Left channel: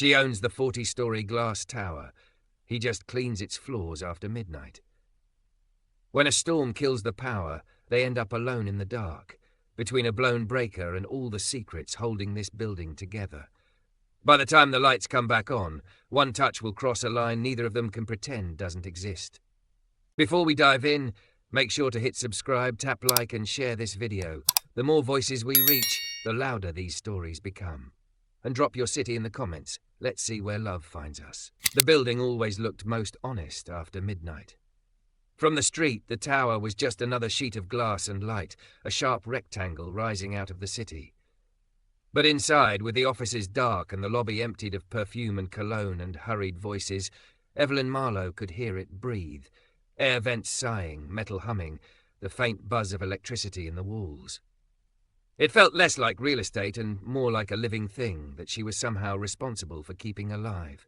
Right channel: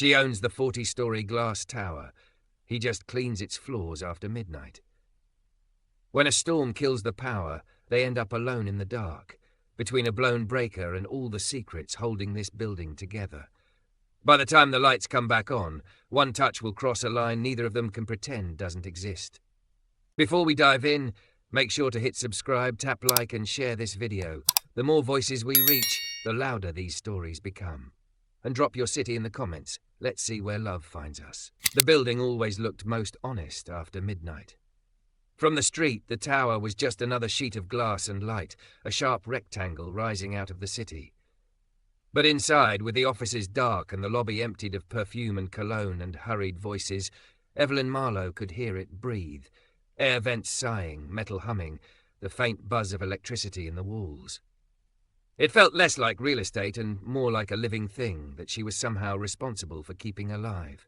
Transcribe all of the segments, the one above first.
She owns the 40-story glass tower. He just cleans its floors after midnight. When a storm kills the power, they end up alone in the dark, between a blown breaker and all the secrets holding this building together. By the time the lights come back on, one touch will cross a line neither of them can pretend doesn't exist. Before we dive in, make sure to hit subscribe, tap like and share this video. The more voices we reach, the louder these stories become. And drop your city in the comments. Let's see where love finds us. The building always looked most honest after midnight. From the street, the tower was just another sheet of glass and light, a sharp rectangle rising out of the city. But inside, with the offices dark and the lobby emptied of perfume and cologne and hurried voices, Evelyn Marlowe could hear it breathe, air vents sighing, metal humming, the faint buzz of electricity in the walls. It felt less like real estate and more like a living thing that she was somehow responsible for keeping alive.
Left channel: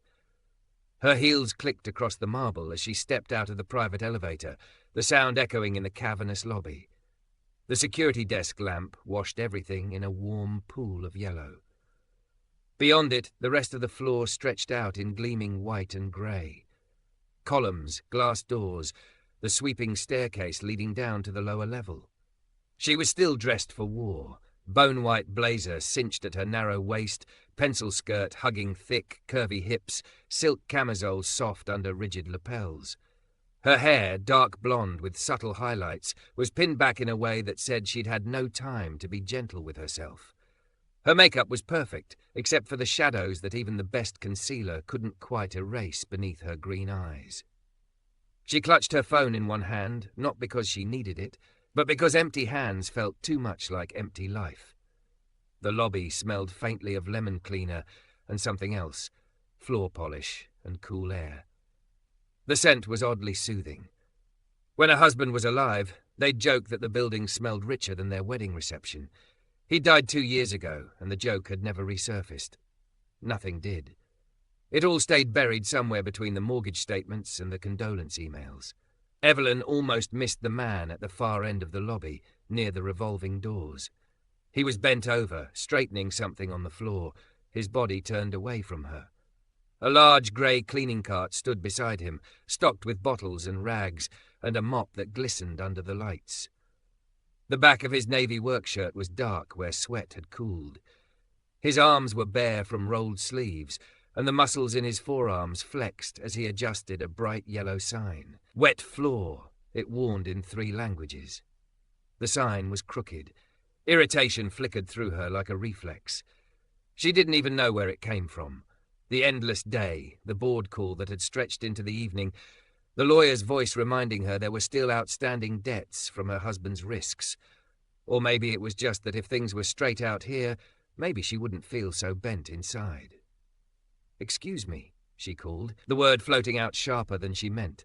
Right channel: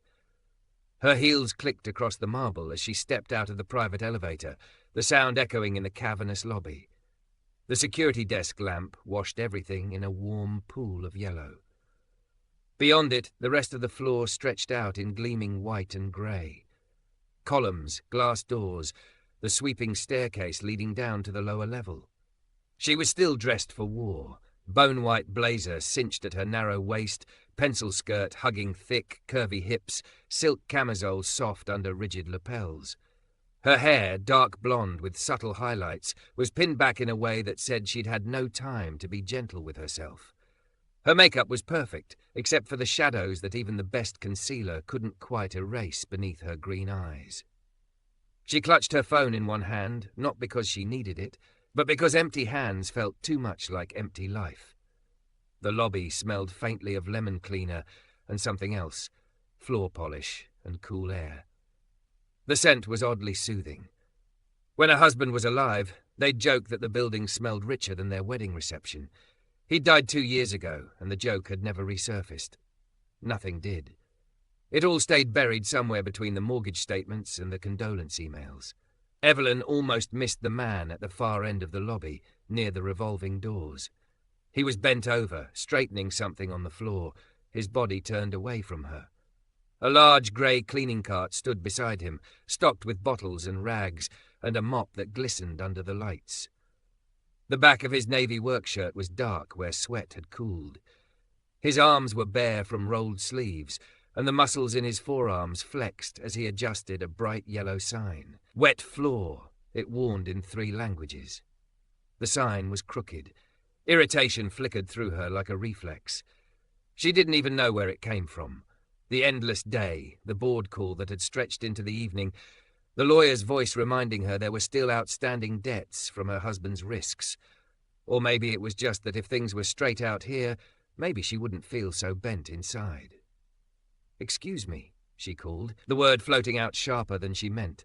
Her heels clicked across the marble as she stepped out of the private elevator, the sound echoing in the cavernous lobby. The security desk lamp washed everything in a warm pool of yellow. Beyond it, the rest of the floor stretched out in gleaming white and grey. Columns, glass doors, the sweeping staircase leading down to the lower level. She was still dressed for war, bone-white blazer cinched at her narrow waist, pencil skirt hugging thick, curvy hips, silk camisole soft under rigid lapels. Her hair, dark blonde with subtle highlights, was pinned back in a way that said she'd had no time to be gentle with herself. Her makeup was perfect, except for the shadows that even the best concealer couldn't quite erase beneath her green eyes. She clutched her phone in one hand, not because she needed it, but because empty hands felt too much like empty life. The lobby smelled faintly of lemon cleaner and something else, floor polish and cool air. The scent was oddly soothing. When her husband was alive, they'd joke that the building smelled richer than their wedding reception. He died 2 years ago, and the joke had never resurfaced. Nothing did. It all stayed buried somewhere between the mortgage statements and the condolence emails. Evelyn almost missed the man at the far end of the lobby, near the revolving doors. He was bent over, straightening something on the floor, his body turned away from her. A large grey cleaning cart stood beside him, stocked with bottles and rags, and a mop that glistened under the lights. The back of his navy work shirt was dark where sweat had cooled. His arms were bare from rolled sleeves, and the muscles in his forearms flexed as he adjusted a bright yellow sign. Wet floor, it warned in 3 languages. The sign was crooked. Irritation flickered through her like a reflex. She didn't even know where it came from. The endless day, the board call that had stretched into the evening, the lawyer's voice reminding her there were still outstanding debts from her husband's risks. Or maybe it was just that if things were straight out here, maybe she wouldn't feel so bent inside. "Excuse me," she called, the word floating out sharper than she meant.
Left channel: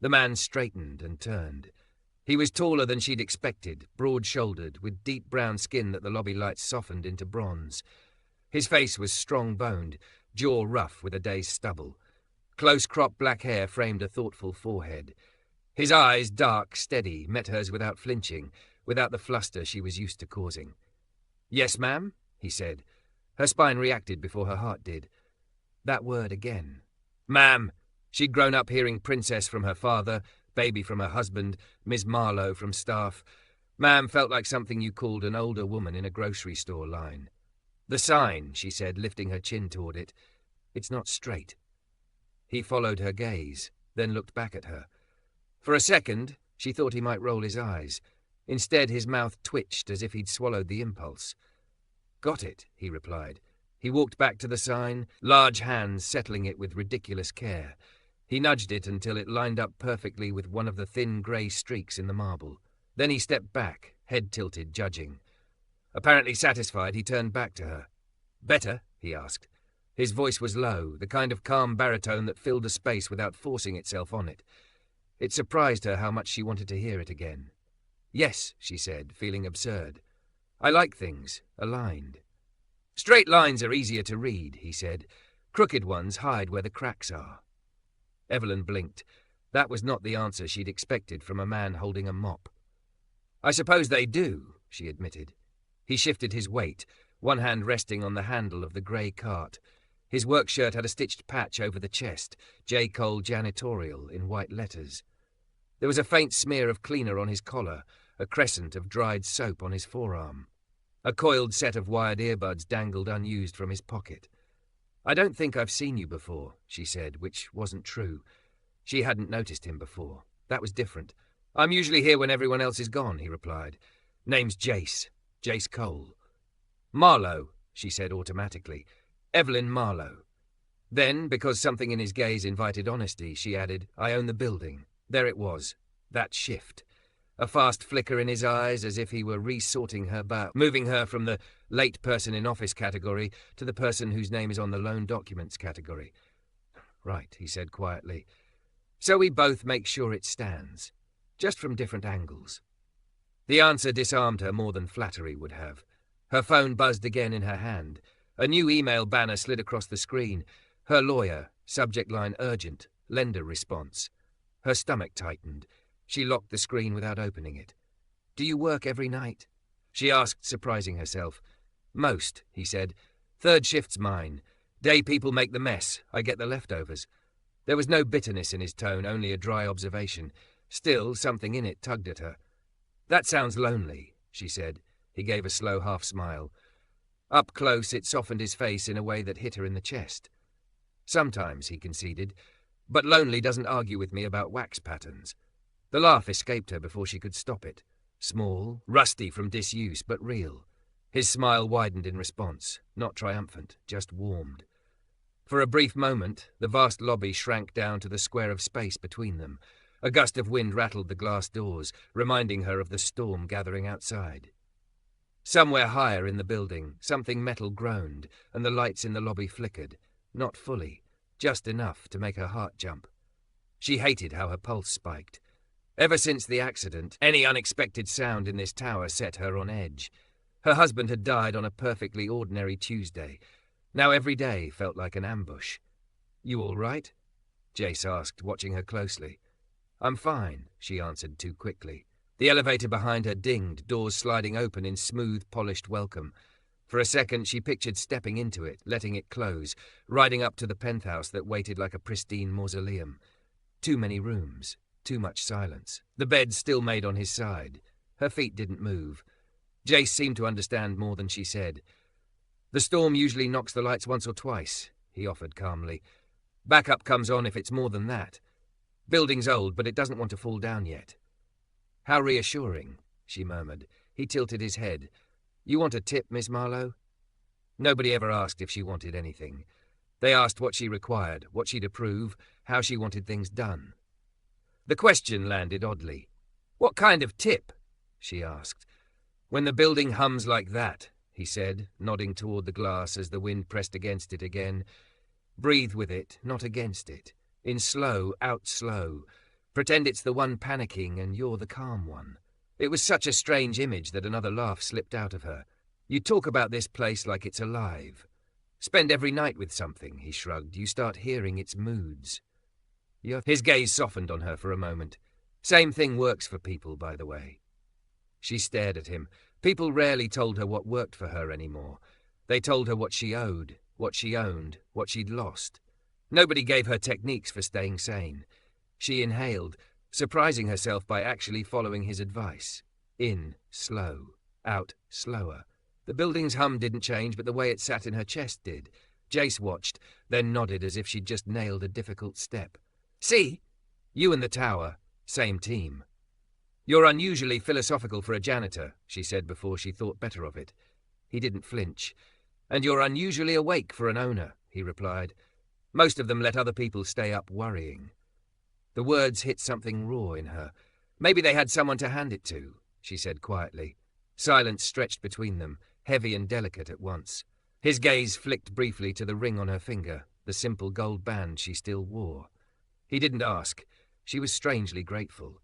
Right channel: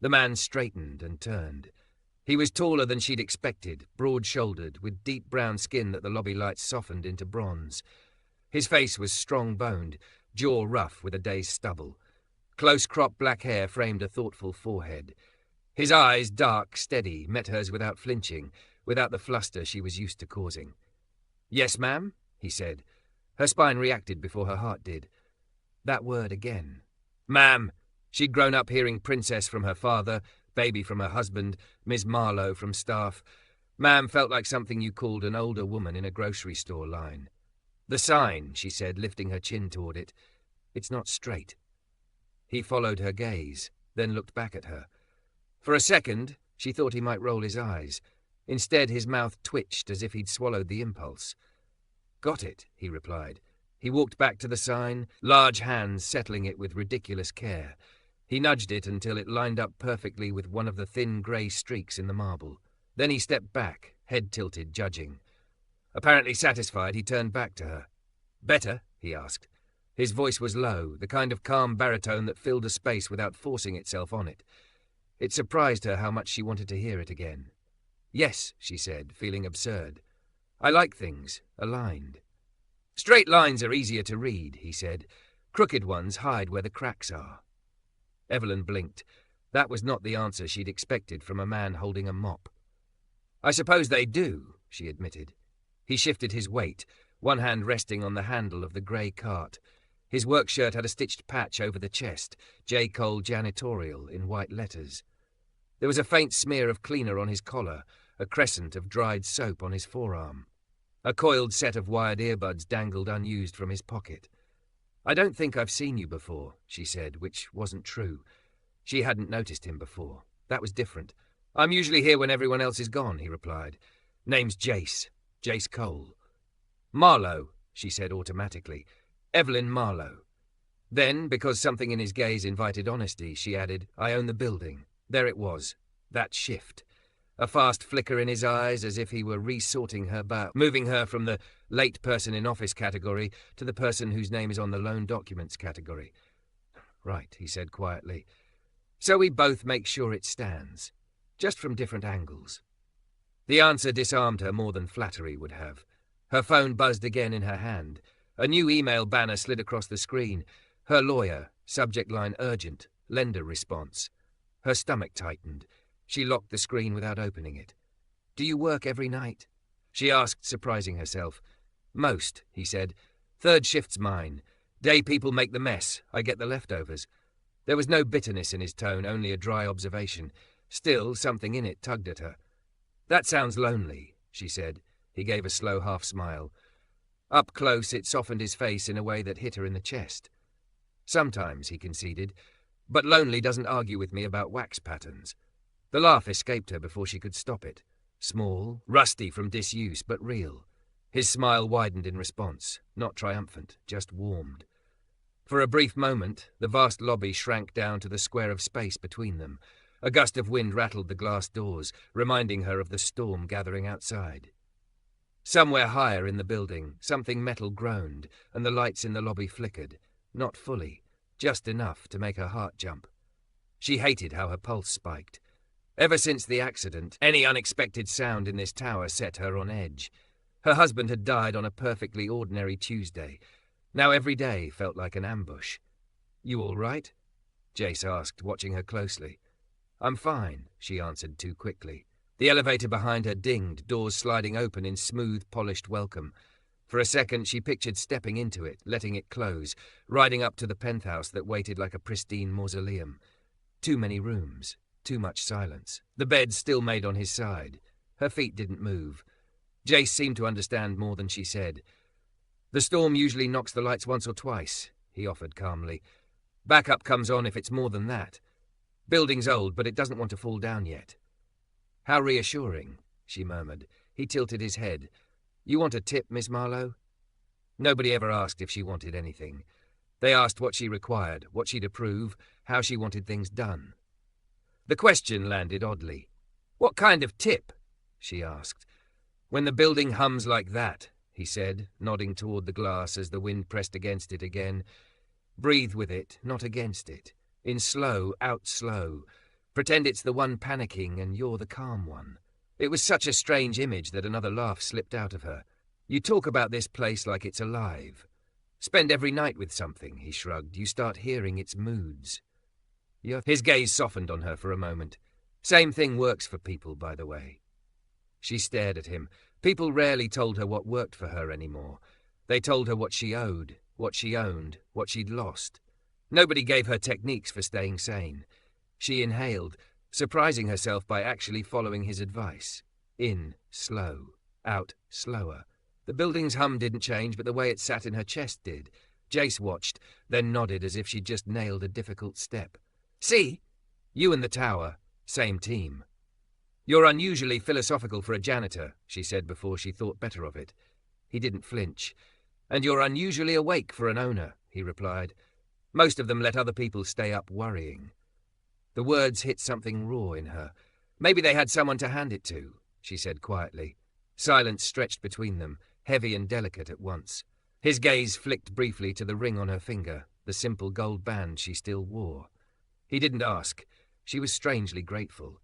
The man straightened and turned. He was taller than she'd expected, broad-shouldered, with deep brown skin that the lobby lights softened into bronze. His face was strong-boned, jaw rough with a day's stubble. Close-cropped black hair framed a thoughtful forehead. His eyes, dark, steady, met hers without flinching, without the fluster she was used to causing. "Yes, ma'am," he said. Her spine reacted before her heart did. That word again. Ma'am. She'd grown up hearing princess from her father, baby from her husband, Miss Marlowe from staff. Ma'am felt like something you called an older woman in a grocery store line. "The sign," she said, lifting her chin toward it. "It's not straight." He followed her gaze, then looked back at her. For a second, she thought he might roll his eyes. Instead, his mouth twitched as if he'd swallowed the impulse. "Got it," he replied. He walked back to the sign, large hands settling it with ridiculous care. He nudged it until it lined up perfectly with one of the thin grey streaks in the marble. Then he stepped back, head tilted, judging. Apparently satisfied, he turned back to her. "Better?" he asked. His voice was low, the kind of calm baritone that filled a space without forcing itself on it. It surprised her how much she wanted to hear it again. "Yes," she said, feeling absurd. "I like things aligned." "Straight lines are easier to read," he said. "Crooked ones hide where the cracks are." Evelyn blinked. That was not the answer she'd expected from a man holding a mop. "I suppose they do," she admitted. He shifted his weight, one hand resting on the handle of the grey cart. His work shirt had a stitched patch over the chest, Jace Cole Janitorial in white letters. There was a faint smear of cleaner on his collar, a crescent of dried soap on his forearm. A coiled set of wired earbuds dangled unused from his pocket. "I don't think I've seen you before," she said, which wasn't true. She hadn't noticed him before. That was different. "I'm usually here when everyone else is gone," he replied. "Name's Jace Cole." "Marlowe," she said automatically. "Evelyn Marlowe." Then, because something in his gaze invited honesty, she added, "I own the building." There it was, that shift. A fast flicker in his eyes, as if he were resorting her back, moving her from the late person in office category to the person whose name is on the loan documents category. "Right," he said quietly. "So we both make sure it stands, just from different angles." The answer disarmed her more than flattery would have. Her phone buzzed again in her hand. A new email banner slid across the screen. Her lawyer, subject line urgent, lender response. Her stomach tightened. She locked the screen without opening it. "Do you work every night?" she asked, surprising herself. "Most," he said. "Third shift's mine. Day people make the mess. I get the leftovers." There was no bitterness in his tone, only a dry observation. Still, something in it tugged at her. "That sounds lonely," she said. He gave a slow half-smile. Up close, it softened his face in a way that hit her in the chest. "Sometimes," he conceded, "but lonely doesn't argue with me about wax patterns." The laugh escaped her before she could stop it. Small, rusty from disuse, but real. His smile widened in response, not triumphant, just warmed. For a brief moment, the vast lobby shrank down to the square of space between them. A gust of wind rattled the glass doors, reminding her of the storm gathering outside. Somewhere higher in the building, something metal groaned, and the lights in the lobby flickered. Not fully, just enough to make her heart jump. She hated how her pulse spiked. Ever since the accident, any unexpected sound in this tower set her on edge. Her husband had died on a perfectly ordinary Tuesday. Now every day felt like an ambush. "You all right?" Jace asked, watching her closely. "I'm fine," she answered too quickly. The elevator behind her dinged, doors sliding open in smooth, polished welcome. For a second she pictured stepping into it, letting it close, riding up to the penthouse that waited like a pristine mausoleum. Too many rooms. Too much silence. The bed still made on his side. Her feet didn't move. Jace seemed to understand more than she said. "The storm usually knocks the lights once or twice," he offered calmly. "Backup comes on if it's more than that. Building's old, but it doesn't want to fall down yet." "How reassuring," she murmured. He tilted his head. "You want a tip, Miss Marlowe?" Nobody ever asked if she wanted anything. They asked what she required, what she'd approve, how she wanted things done. The question landed oddly. "What kind of tip?" she asked. "When the building hums like that," he said, nodding toward the glass as the wind pressed against it again. "Breathe with it, not against it. In slow, out slow. Pretend it's the one panicking and you're the calm one." It was such a strange image that another laugh slipped out of her. "You talk about this place like it's alive. Spend every night with something," he shrugged. "You start hearing its moods." His gaze softened on her for a moment. "Same thing works for people, by the way." She stared at him. People rarely told her what worked for her anymore. They told her what she owed, what she owned, what she'd lost. Nobody gave her techniques for staying sane. She inhaled, surprising herself by actually following his advice. In, slow. Out, slower. The building's hum didn't change, but the way it sat in her chest did. Jace watched, then nodded as if she'd just nailed a difficult step. "See? You and the tower, same team." "You're unusually philosophical for a janitor," she said before she thought better of it. He didn't flinch. "And you're unusually awake for an owner," he replied. "Most of them let other people stay up worrying." The words hit something raw in her. "Maybe they had someone to hand it to," she said quietly. Silence stretched between them, heavy and delicate at once. His gaze flicked briefly to the ring on her finger, the simple gold band she still wore. He didn't ask. She was strangely grateful.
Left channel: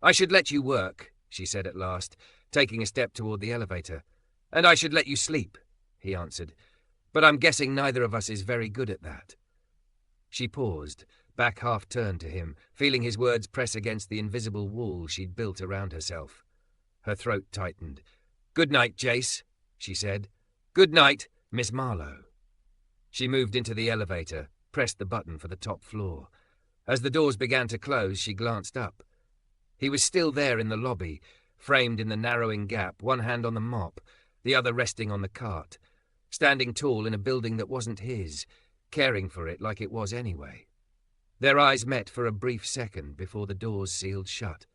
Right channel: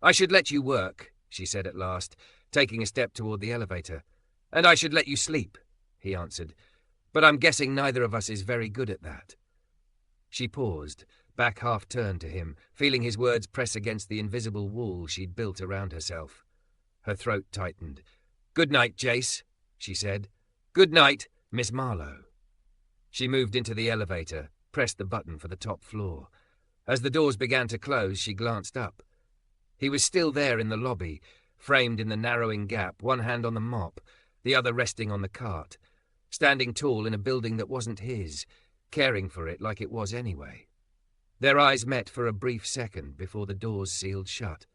"I should let you work," she said at last, taking a step toward the elevator. "And I should let you sleep," he answered. "But I'm guessing neither of us is very good at that." She paused, back half-turned to him, feeling his words press against the invisible wall she'd built around herself. Her throat tightened. "Good night, Jace," she said. "Good night, Miss Marlowe." She moved into the elevator, pressed the button for the top floor. As the doors began to close, she glanced up. He was still there in the lobby, framed in the narrowing gap, one hand on the mop, the other resting on the cart, standing tall in a building that wasn't his, caring for it like it was anyway. Their eyes met for a brief second before the doors sealed shut.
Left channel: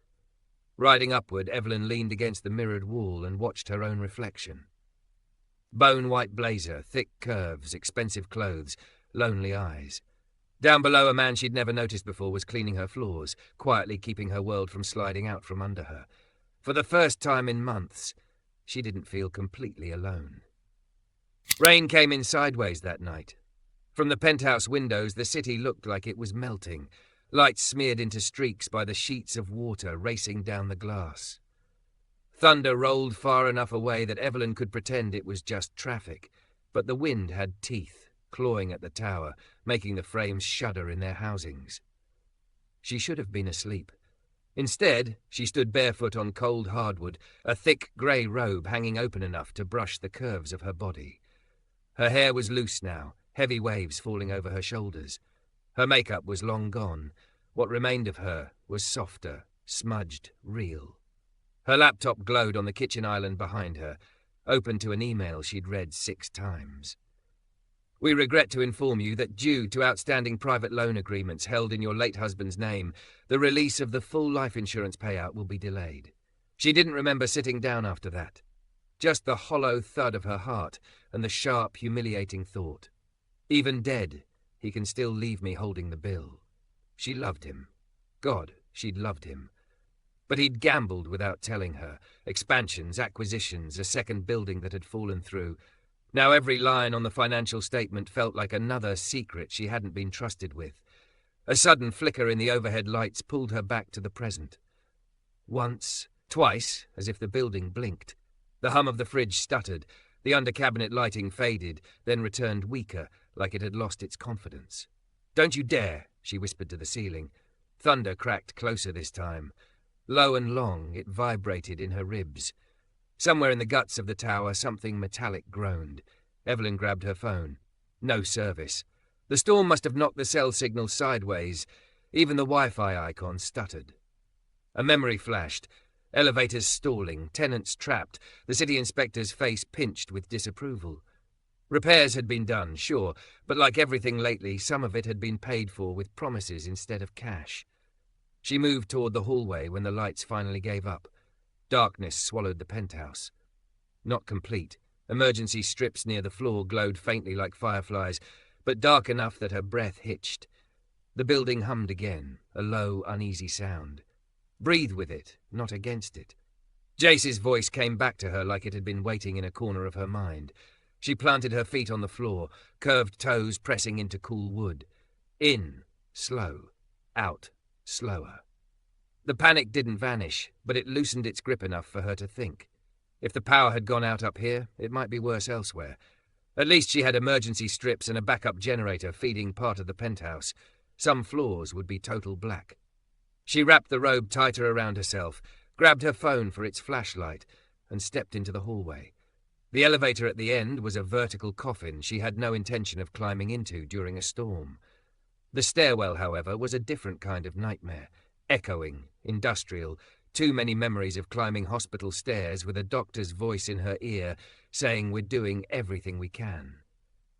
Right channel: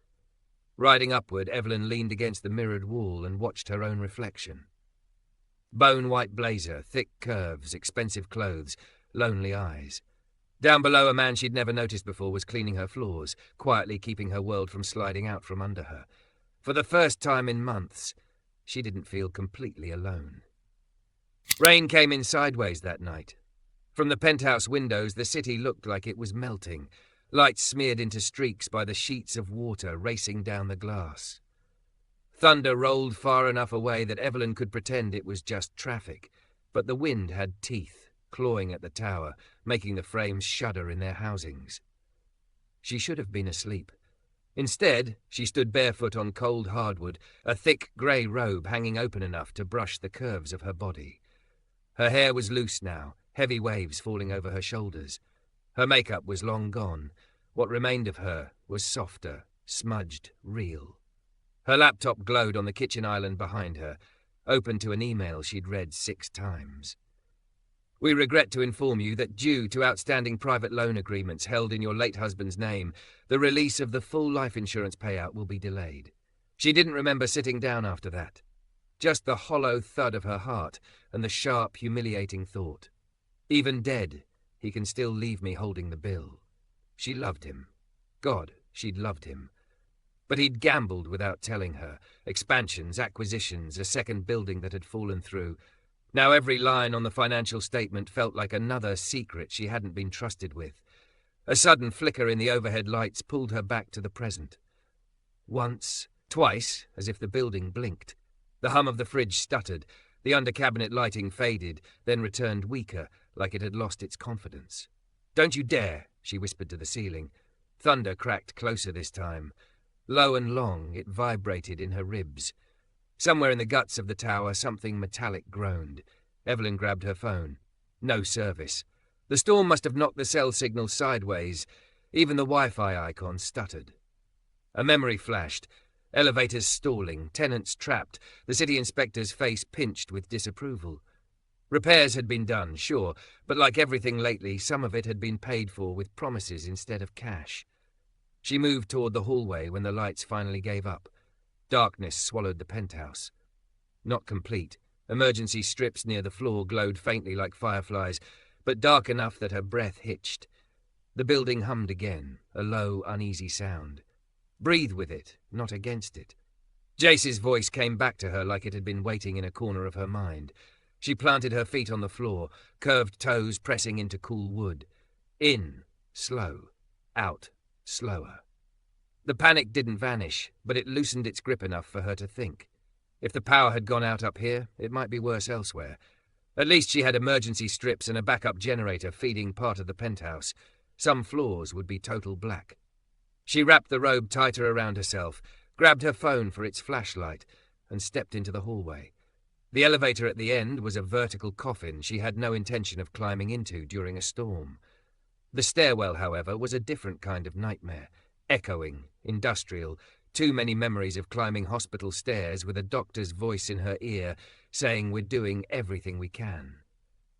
Riding upward, Evelyn leaned against the mirrored wall and watched her own reflection. Bone-white blazer, thick curves, expensive clothes, lonely eyes. Down below, a man she'd never noticed before was cleaning her floors, quietly keeping her world from sliding out from under her. For the first time in months, she didn't feel completely alone. Rain came in sideways that night. From the penthouse windows, the city looked like it was melting, lights smeared into streaks by the sheets of water racing down the glass. Thunder rolled far enough away that Evelyn could pretend it was just traffic, but the wind had teeth, clawing at the tower, making the frames shudder in their housings. She should have been asleep. Instead, she stood barefoot on cold hardwood, a thick grey robe hanging open enough to brush the curves of her body. Her hair was loose now, heavy waves falling over her shoulders. Her makeup was long gone. What remained of her was softer, smudged, real. Her laptop glowed on the kitchen island behind her, open to an email she'd read 6 times. We regret to inform you that due to outstanding private loan agreements held in your late husband's name, the release of the full life insurance payout will be delayed. She didn't remember sitting down after that. Just the hollow thud of her heart and the sharp, humiliating thought. Even dead, he can still leave me holding the bill. She loved him. God, she'd loved him. But he'd gambled without telling her. Expansions, acquisitions, a second building that had fallen through. Now every line on the financial statement felt like another secret she hadn't been trusted with. A sudden flicker in the overhead lights pulled her back to the present. Once, twice, as if the building blinked. The hum of the fridge stuttered. The under-cabinet lighting faded, then returned weaker, like it had lost its confidence. "Don't you dare," she whispered to the ceiling. Thunder cracked closer this time. Low and long, it vibrated in her ribs. Somewhere in the guts of the tower, something metallic groaned. Evelyn grabbed her phone. No service. The storm must have knocked the cell signal sideways. Even the Wi-Fi icon stuttered. A memory flashed. Elevators stalling, tenants trapped, the city inspector's face pinched with disapproval. Repairs had been done, sure, but like everything lately, some of it had been paid for with promises instead of cash. She moved toward the hallway when the lights finally gave up. Darkness swallowed the penthouse. Not complete. Emergency strips near the floor glowed faintly like fireflies, but dark enough that her breath hitched. The building hummed again, a low, uneasy sound. Breathe with it, not against it. Jace's voice came back to her like it had been waiting in a corner of her mind. She planted her feet on the floor, curved toes pressing into cool wood. In, slow. Out, slower. The panic didn't vanish, but it loosened its grip enough for her to think. If the power had gone out up here, it might be worse elsewhere. At least she had emergency strips and a backup generator feeding part of the penthouse. Some floors would be total black. She wrapped the robe tighter around herself, grabbed her phone for its flashlight, and stepped into the hallway. The elevator at the end was a vertical coffin she had no intention of climbing into during a storm. The stairwell, however, was a different kind of nightmare. Echoing, industrial, too many memories of climbing hospital stairs with a doctor's voice in her ear saying we're doing everything we can.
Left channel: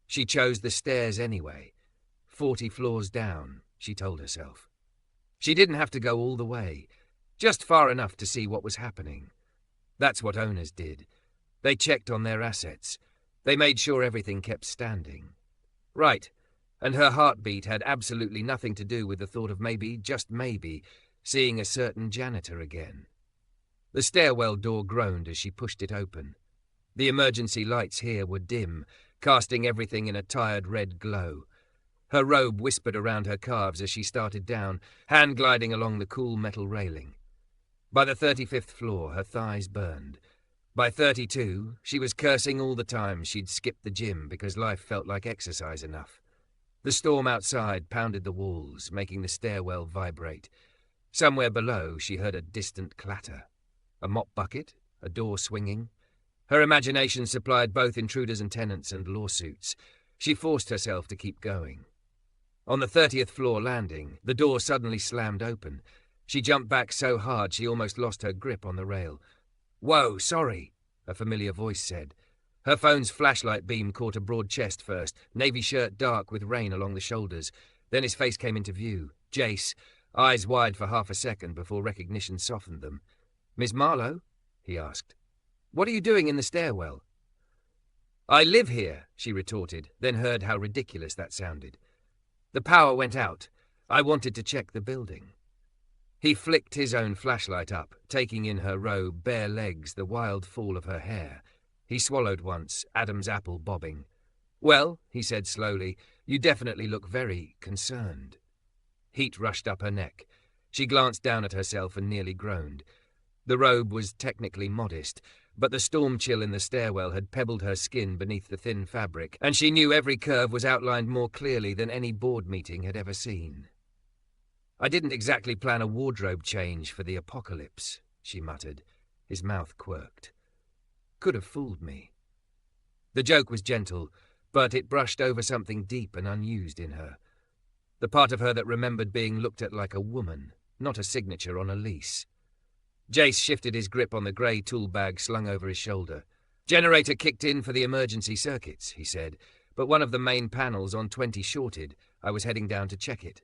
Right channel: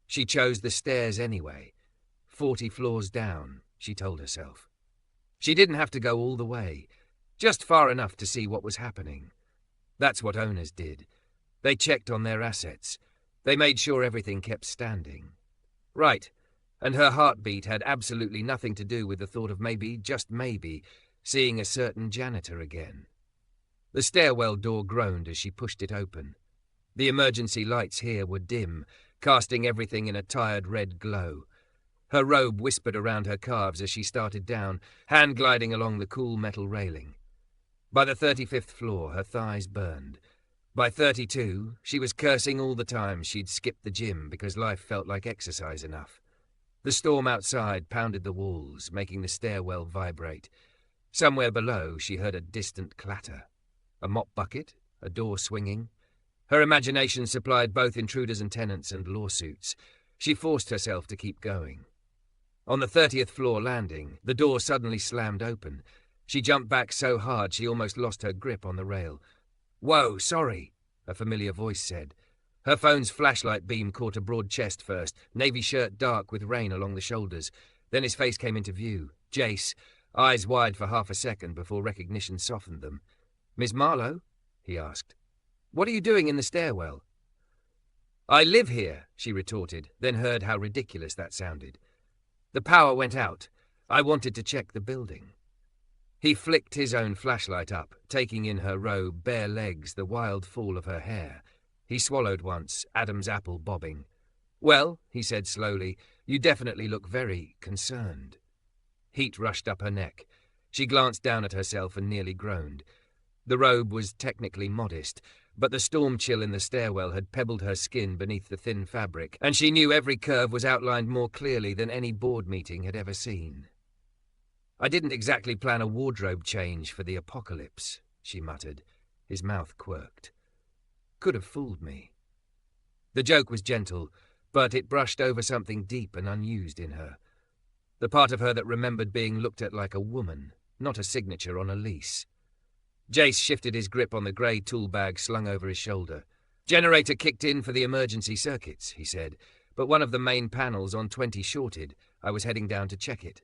She chose the stairs anyway. 40 floors down, she told herself. She didn't have to go all the way, just far enough to see what was happening. That's what owners did. They checked on their assets. They made sure everything kept standing. Right, and her heartbeat had absolutely nothing to do with the thought of maybe, just maybe, seeing a certain janitor again. The stairwell door groaned as she pushed it open. The emergency lights here were dim, casting everything in a tired red glow. Her robe whispered around her calves as she started down, hand gliding along the cool metal railing. By the 35th floor, her thighs burned. By 32, she was cursing all the time she'd skipped the gym because life felt like exercise enough. The storm outside pounded the walls, making the stairwell vibrate. Somewhere below, she heard a distant clatter. A mop bucket? A door swinging? Her imagination supplied both intruders and tenants and lawsuits. She forced herself to keep going. On the 30th floor landing, the door suddenly slammed open. She jumped back so hard she almost lost her grip on the rail. "Whoa, sorry," a familiar voice said. Her phone's flashlight beam caught a broad chest first, navy shirt dark with rain along the shoulders. Then his face came into view. Jace, eyes wide for half a second before recognition softened them. "Miss Marlowe?" he asked. "What are you doing in the stairwell?" "I live here," she retorted, then heard how ridiculous that sounded. "The power went out. I wanted to check the building." He flicked his own flashlight up, taking in her robe, bare legs, the wild fall of her hair. He swallowed once, Adam's apple bobbing. "Well," he said slowly, "you definitely look very concerned." Heat rushed up her neck. She glanced down at herself and nearly groaned. The robe was technically modest, but the storm chill in the stairwell had pebbled her skin beneath the thin fabric, and she knew every curve was outlined more clearly than any board meeting had ever seen. "I didn't exactly plan a wardrobe change for the apocalypse," she muttered. His mouth quirked. "Could have fooled me." The joke was gentle, but it brushed over something deep and unused in her. The part of her that remembered being looked at like a woman, not a signature on a lease. Jace shifted his grip on the grey tool bag slung over his shoulder. "Generator kicked in for the emergency circuits," he said, "but one of the main panels on 20 shorted. I was heading down to check it."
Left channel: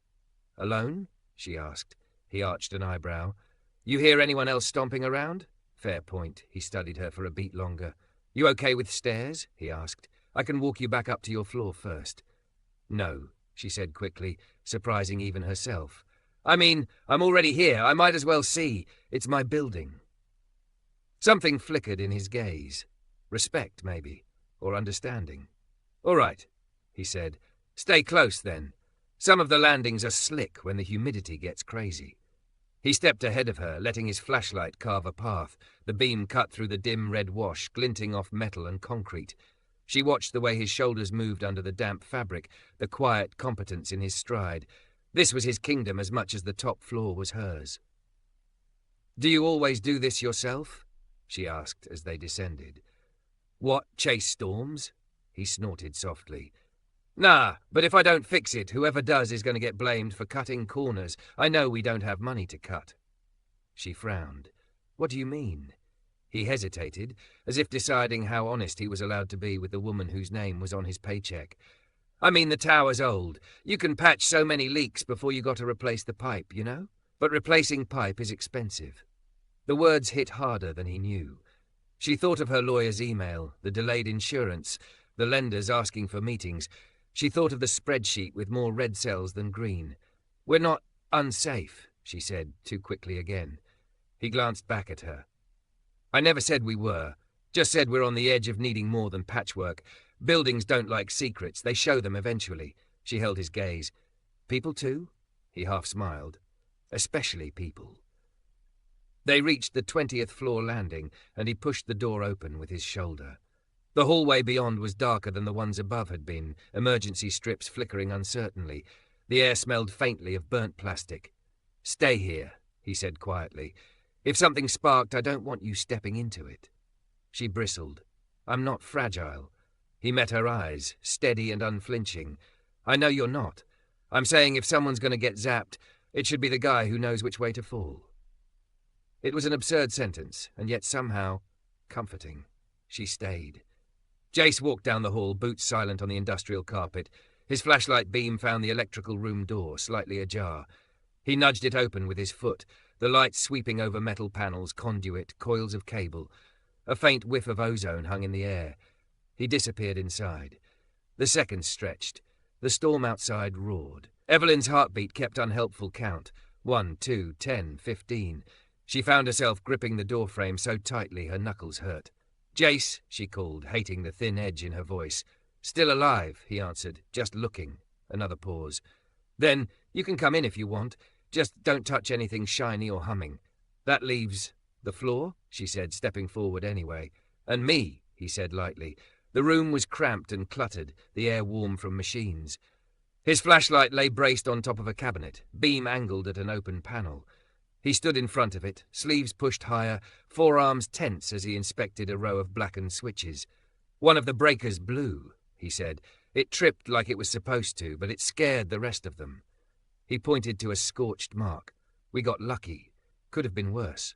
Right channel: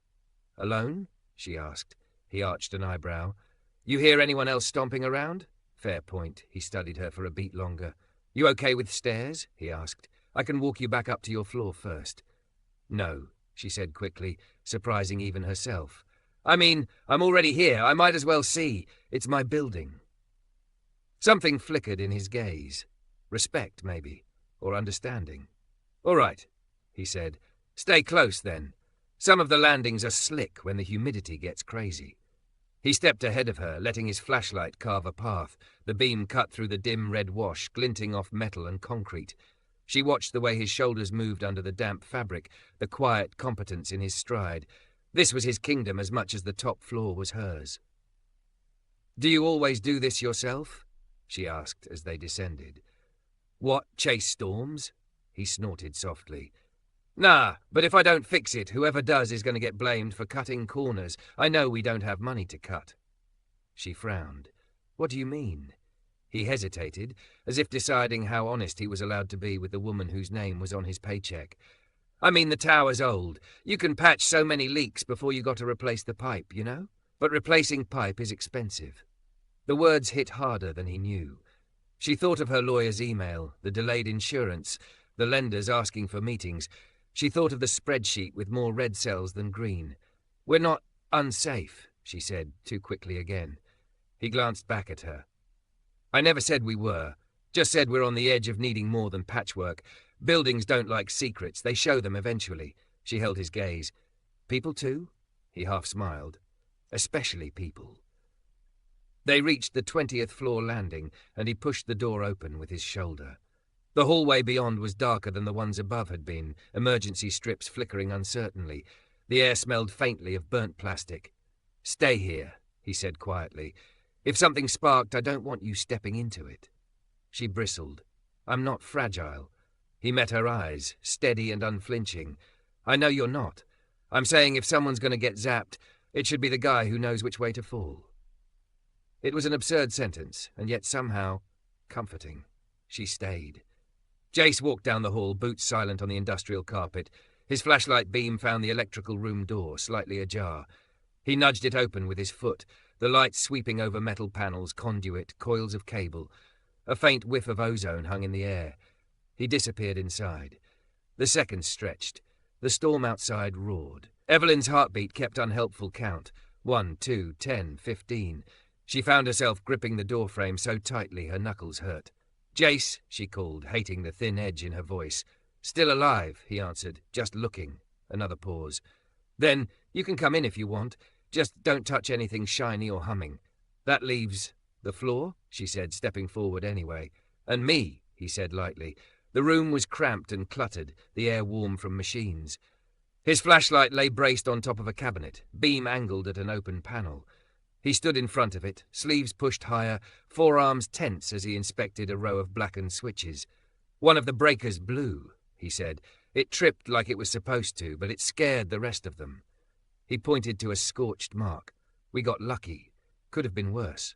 "Alone?" she asked. He arched an eyebrow. "You hear anyone else stomping around?" "Fair point." He studied her for a beat longer. "You okay with stairs?" he asked. "I can walk you back up to your floor first." "No," she said quickly, surprising even herself. "I mean, I'm already here. I might as well see. It's my building." Something flickered in his gaze. Respect, maybe, or understanding. "All right," he said. "Stay close, then. Some of the landings are slick when the humidity gets crazy." He stepped ahead of her, letting his flashlight carve a path, the beam cut through the dim red wash, glinting off metal and concrete. She watched the way his shoulders moved under the damp fabric, the quiet competence in his stride. This was his kingdom as much as the top floor was hers. "Do you always do this yourself?" she asked as they descended. "What, chase storms?" He snorted softly. "Nah, but if I don't fix it, whoever does is going to get blamed for cutting corners. I know we don't have money to cut." She frowned. "What do you mean?" He hesitated, as if deciding how honest he was allowed to be with the woman whose name was on his paycheck. "I mean, the tower's old. You can patch so many leaks before you got to replace the pipe, you know? But replacing pipe is expensive." The words hit harder than he knew. She thought of her lawyer's email, the delayed insurance, the lenders asking for meetings. She thought of the spreadsheet with more red cells than green. "We're not unsafe," she said, too quickly again. He glanced back at her. "I never said we were. Just said we're on the edge of needing more than patchwork. Buildings don't like secrets. They show them eventually." She held his gaze. "People too?" He half smiled. "Especially people." They reached the 20th floor landing, and he pushed the door open with his shoulder. The hallway beyond was darker than the ones above had been, emergency strips flickering uncertainly. The air smelled faintly of burnt plastic. "Stay here," he said quietly. "If something sparked, I don't want you stepping into it." She bristled. "I'm not fragile." He met her eyes, steady and unflinching. "I know you're not. I'm saying if someone's going to get zapped, it should be the guy who knows which way to fall." It was an absurd sentence, and yet somehow comforting. She stayed. Jace walked down the hall, boots silent on the industrial carpet. His flashlight beam found the electrical room door, slightly ajar. He nudged it open with his foot, the light sweeping over metal panels, conduit, coils of cable. A faint whiff of ozone hung in the air. He disappeared inside. The seconds stretched. The storm outside roared. Evelyn's heartbeat kept unhelpful count. 1, 2, 10, 15. She found herself gripping the doorframe so tightly her knuckles hurt. "Jace," she called, hating the thin edge in her voice. "Still alive," he answered, "just looking." Another pause. "Then you can come in if you want. Just don't touch anything shiny or humming." "That leaves the floor," she said, stepping forward anyway. "And me," he said lightly. The room was cramped and cluttered, the air warm from machines. His flashlight lay braced on top of a cabinet, beam angled at an open panel. He stood in front of it, sleeves pushed higher, forearms tense as he inspected a row of blackened switches. "One of the breakers blew," he said. It tripped like it was supposed to, but it scared the rest of them. He pointed to a scorched mark. We got lucky. Could have been worse.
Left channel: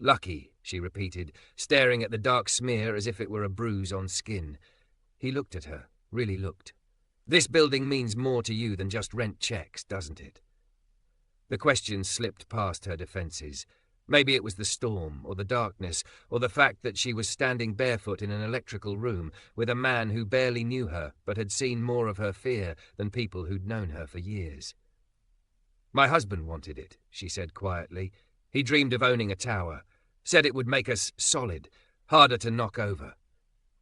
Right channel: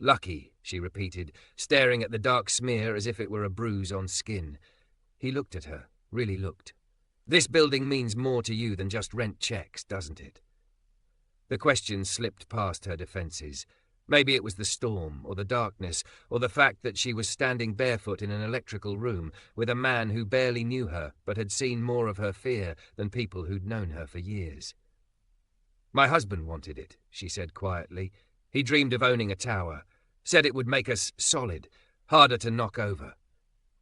Lucky, she repeated, staring at the dark smear as if it were a bruise on skin. He looked at her, really looked. This building means more to you than just rent checks, doesn't it? The question slipped past her defences. Maybe it was the storm, or the darkness, or the fact that she was standing barefoot in an electrical room with a man who barely knew her but had seen more of her fear than people who'd known her for years. My husband wanted it, she said quietly. He dreamed of owning a tower. Said it would make us solid, harder to knock over.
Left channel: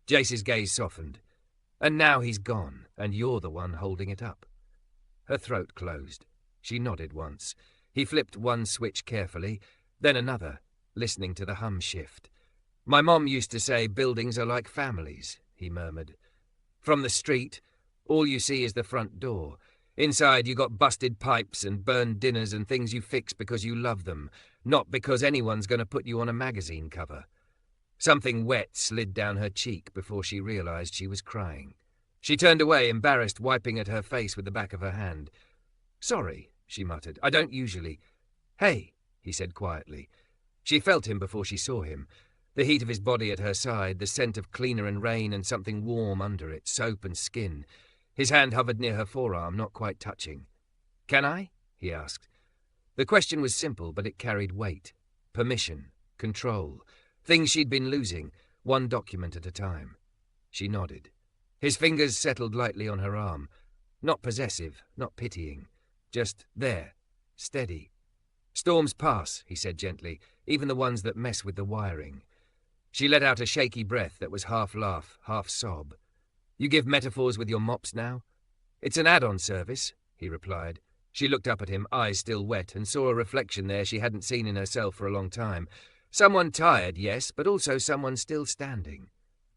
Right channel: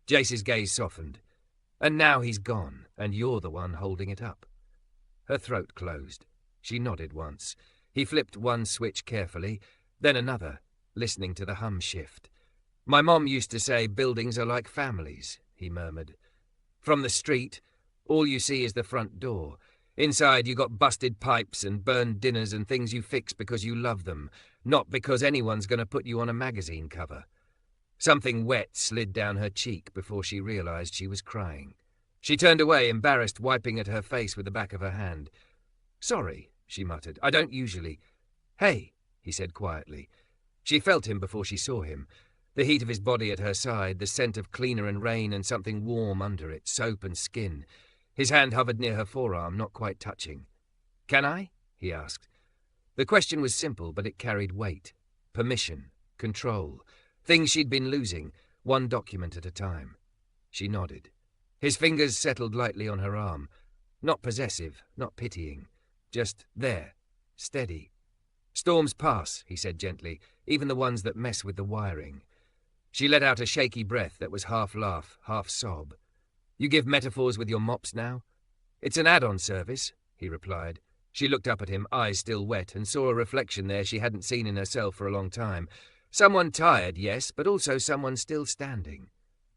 Jace's gaze softened. And now he's gone, and you're the one holding it up. Her throat closed. She nodded once. He flipped one switch carefully, then another, listening to the hum shift. My mom used to say buildings are like families, he murmured. From the street, all you see is the front door. Inside you got busted pipes and burned dinners and things you fix because you love them, not because anyone's going to put you on a magazine cover. Something wet slid down her cheek before she realized she was crying. She turned away, embarrassed, wiping at her face with the back of her hand. Sorry, she muttered. I don't usually. Hey, he said quietly. She felt him before she saw him. The heat of his body at her side, the scent of cleaner and rain and something warm under it, soap and skin. His hand hovered near her forearm, not quite touching. Can I? He asked. The question was simple, but it carried weight. Permission. Control. Things she'd been losing, one document at a time. She nodded. His fingers settled lightly on her arm. Not possessive, not pitying. Just there. Steady. Storms pass, he said gently, even the ones that mess with the wiring. She let out a shaky breath that was half laugh, half sob. You give metaphors with your mops now? It's an add-on service, he replied. She looked up at him, eyes still wet, and saw a reflection there she hadn't seen in herself for a long time. Someone tired, yes, but also someone still standing.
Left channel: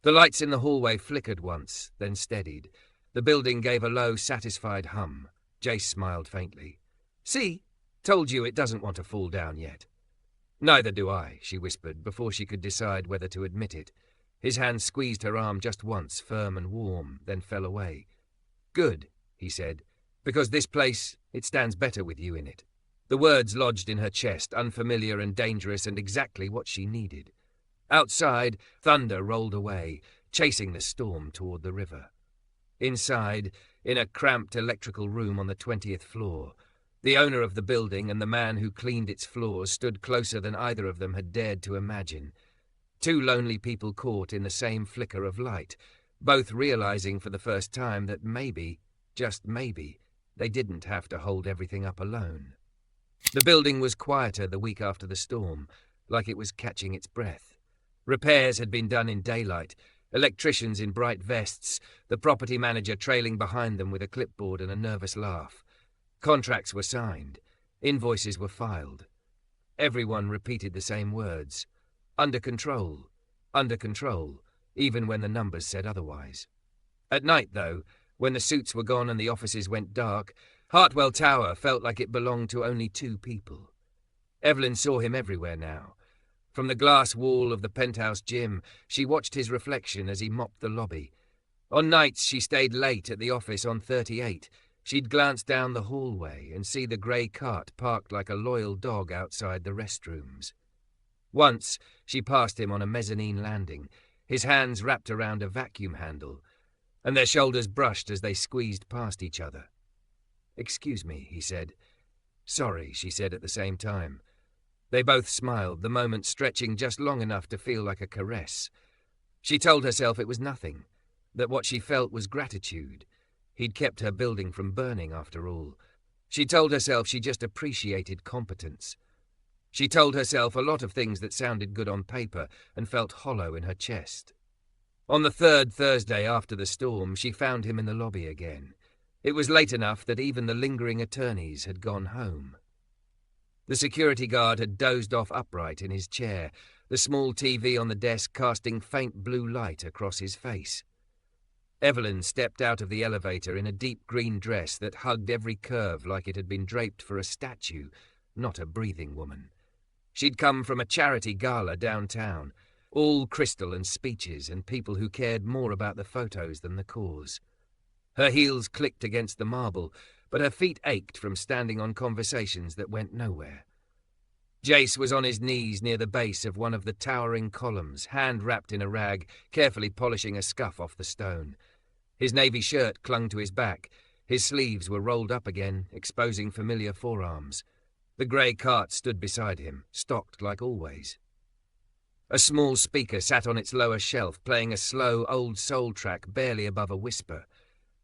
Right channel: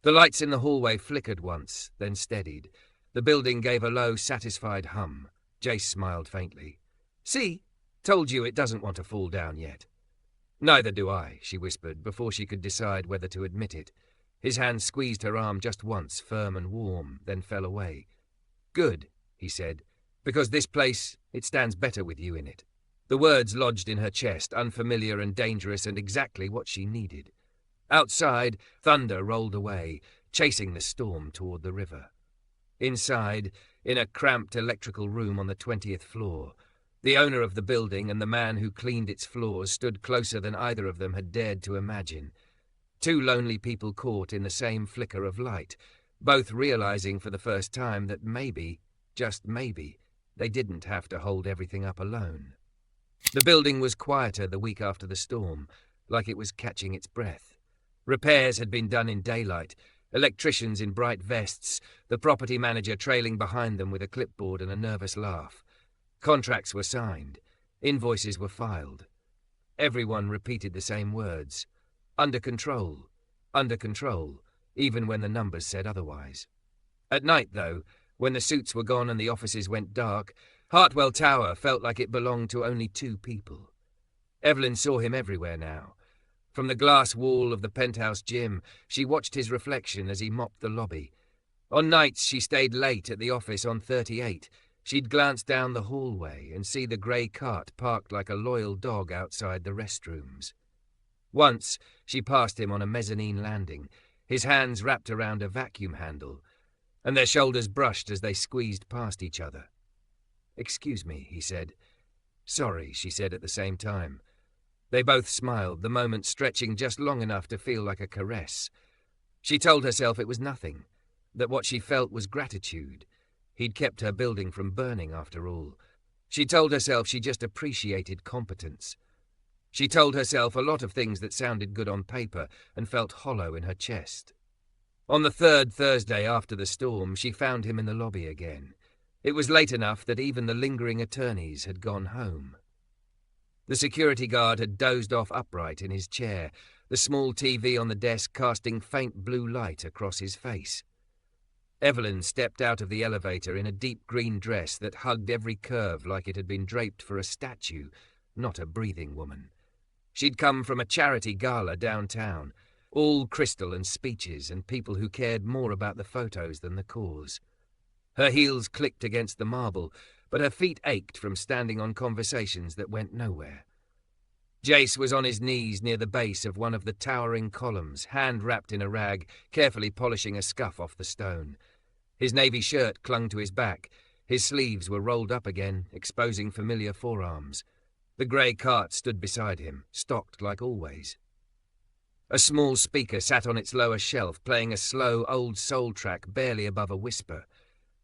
The lights in the hallway flickered once, then steadied. The building gave a low, satisfied hum. Jace smiled faintly. See? Told you it doesn't want to fall down yet. Neither do I, she whispered, before she could decide whether to admit it. His hand squeezed her arm just once, firm and warm, then fell away. Good, he said, because this place, it stands better with you in it. The words lodged in her chest, unfamiliar and dangerous and exactly what she needed. Outside, thunder rolled away, chasing the storm toward the river. Inside, in a cramped electrical room on the 20th floor, the owner of the building and the man who cleaned its floors stood closer than either of them had dared to imagine. Two lonely people caught in the same flicker of light, both realizing for the first time that maybe, just maybe, they didn't have to hold everything up alone. The building was quieter the week after the storm, like it was catching its breath. Repairs had been done in daylight, electricians in bright vests, the property manager trailing behind them with a clipboard and a nervous laugh. Contracts were signed. Invoices were filed. Everyone repeated the same words. Under control, even when the numbers said otherwise. At night, though, when the suits were gone and the offices went dark, Hartwell Tower felt like it belonged to only two people. Evelyn saw him everywhere now. From the glass wall of the penthouse gym, she watched his reflection as he mopped the lobby. On nights she stayed late at the office on 38. She'd glance down the hallway and see the grey cart parked like a loyal dog outside the restrooms. Once she passed him on a mezzanine landing, his hands wrapped around a vacuum handle, and their shoulders brushed as they squeezed past each other. "Excuse me," he said. "Sorry," she said at the same time. They both smiled, the moment stretching just long enough to feel like a caress. She told herself it was nothing, that what she felt was gratitude. He'd kept her building from burning, after all. She told herself she just appreciated competence. She told herself a lot of things that sounded good on paper and felt hollow in her chest. On the third Thursday after the storm, she found him in the lobby again. It was late enough that even the lingering attorneys had gone home. The security guard had dozed off upright in his chair, the small TV on the desk casting faint blue light across his face. Evelyn stepped out of the elevator in a deep green dress that hugged every curve like it had been draped for a statue, not a breathing woman. She'd come from a charity gala downtown, all crystal and speeches and people who cared more about the photos than the cause. Her heels clicked against the marble, but her feet ached from standing on conversations that went nowhere. Jace was on his knees near the base of one of the towering columns, hand wrapped in a rag, carefully polishing a scuff off the stone. His navy shirt clung to his back. His sleeves were rolled up again, exposing familiar forearms. The grey cart stood beside him, stocked like always. A small speaker sat on its lower shelf, playing a slow, old soul track barely above a whisper.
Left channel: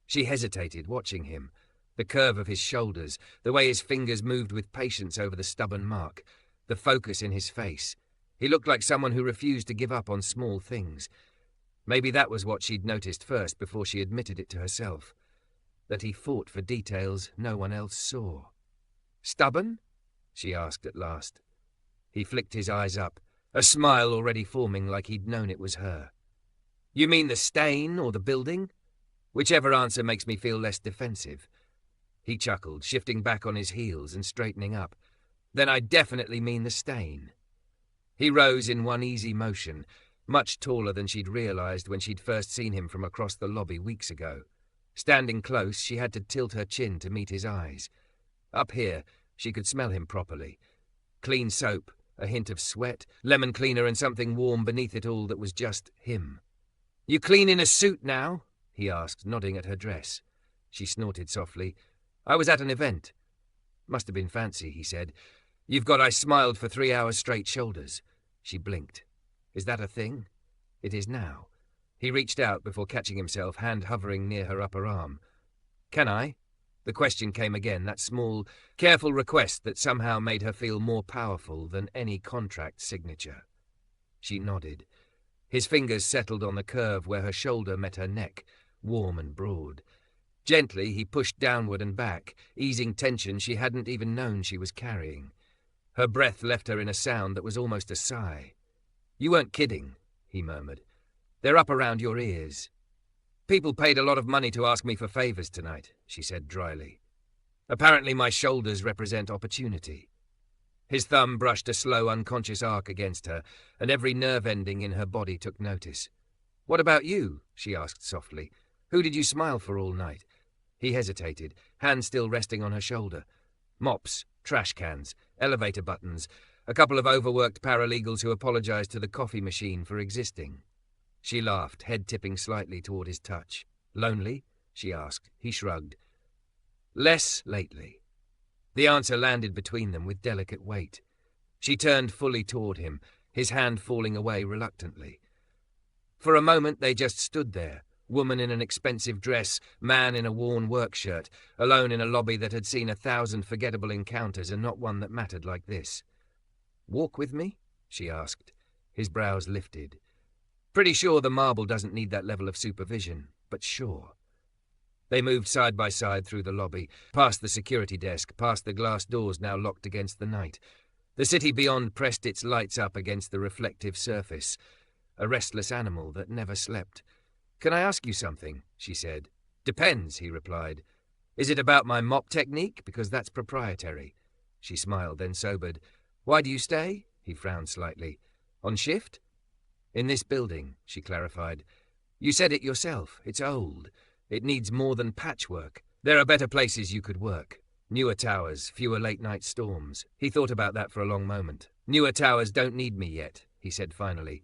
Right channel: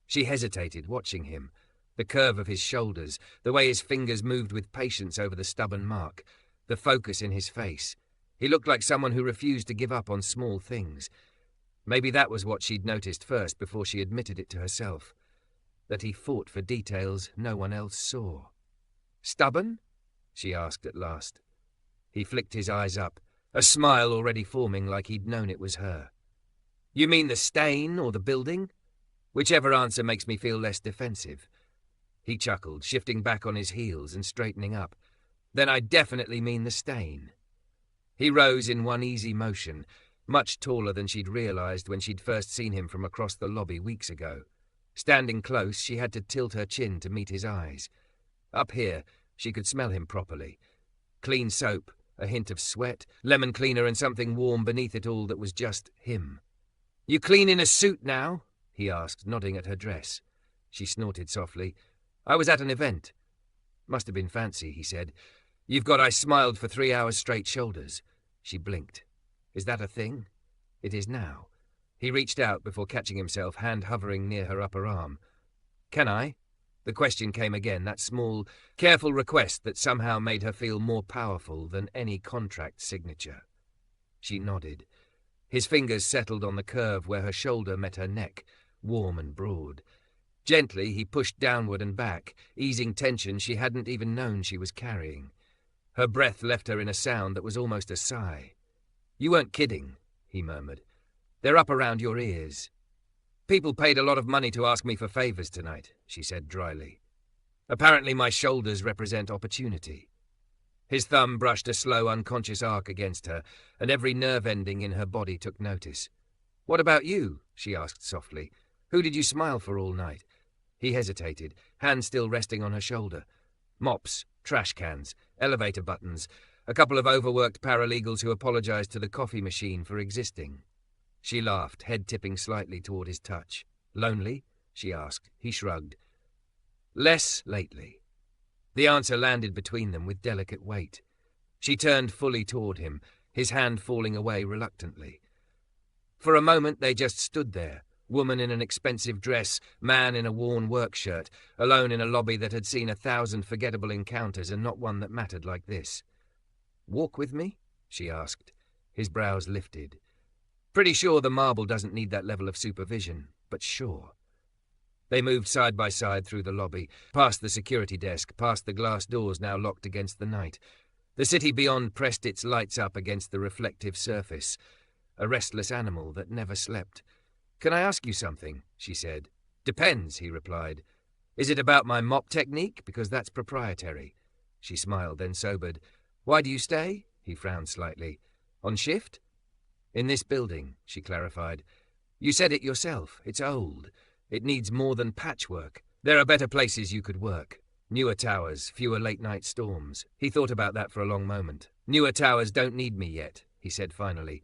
She hesitated, watching him. The curve of his shoulders, the way his fingers moved with patience over the stubborn mark, the focus in his face. He looked like someone who refused to give up on small things. Maybe that was what she'd noticed first before she admitted it to herself. That he fought for details no one else saw. "Stubborn?" she asked at last. He flicked his eyes up, a smile already forming like he'd known it was her. "You mean the stain or the building? Whichever answer makes me feel less defensive." He chuckled, shifting back on his heels and straightening up. "Then I definitely mean the stain." He rose in one easy motion, much taller than she'd realized when she'd first seen him from across the lobby weeks ago. Standing close, she had to tilt her chin to meet his eyes. Up here, she could smell him properly. Clean soap, a hint of sweat, lemon cleaner and something warm beneath it all that was just him. "You clean in a suit now?" he asked, nodding at her dress. She snorted softly. "I was at an event." "Must have been fancy," he said. "You've got I smiled for 3 hours straight shoulders." She blinked. "Is that a thing?" "It is now." He reached out before catching himself, hand hovering near her upper arm. "Can I?" The question came again, that small, careful request that somehow made her feel more powerful than any contract signature. She nodded. His fingers settled on the curve where her shoulder met her neck, warm and broad. Gently, he pushed downward and back, easing tension she hadn't even known she was carrying. Her breath left her in a sound that was almost a sigh. "You weren't kidding," he murmured. "They're up around your ears." "People paid a lot of money to ask me for favors tonight," she said dryly. "Apparently my shoulders represent opportunity." His thumb brushed a slow, unconscious arc against her, and every nerve ending in her body took notice. "What about you?" she asked softly. "Who did you smile for all night?" He hesitated, hand still resting on her shoulder. Mops, trash cans, elevator buttons, a couple of overworked paralegals who apologized to the coffee machine for existing. She laughed, head tipping slightly toward his touch. "Lonely?" she asked. He shrugged. "Less lately." The answer landed between them with delicate weight. She turned fully toward him, his hand falling away reluctantly. For a moment they just stood there, woman in an expensive dress, man in a worn work shirt, alone in a lobby that had seen 1,000 forgettable encounters and not one that mattered like this. "Walk with me?" she asked. His brows lifted. "Pretty sure the marble doesn't need that level of supervision, but sure." They moved side by side through the lobby, past the security desk, past the glass doors now locked against the night. The city beyond pressed its lights up against the reflective surface, a restless animal that never slept. "Can I ask you something?" she said. "Depends," he replied. "Is it about my mop technique? Because that's proprietary." She smiled, then sobered. "Why do you stay?" He frowned slightly. "On shift?" "In this building," she clarified. "You said it yourself. It's old. It needs more than patchwork. There are better places you could work. Newer towers, fewer late-night storms." He thought about that for a long moment. "Newer towers don't need me yet," he said finally.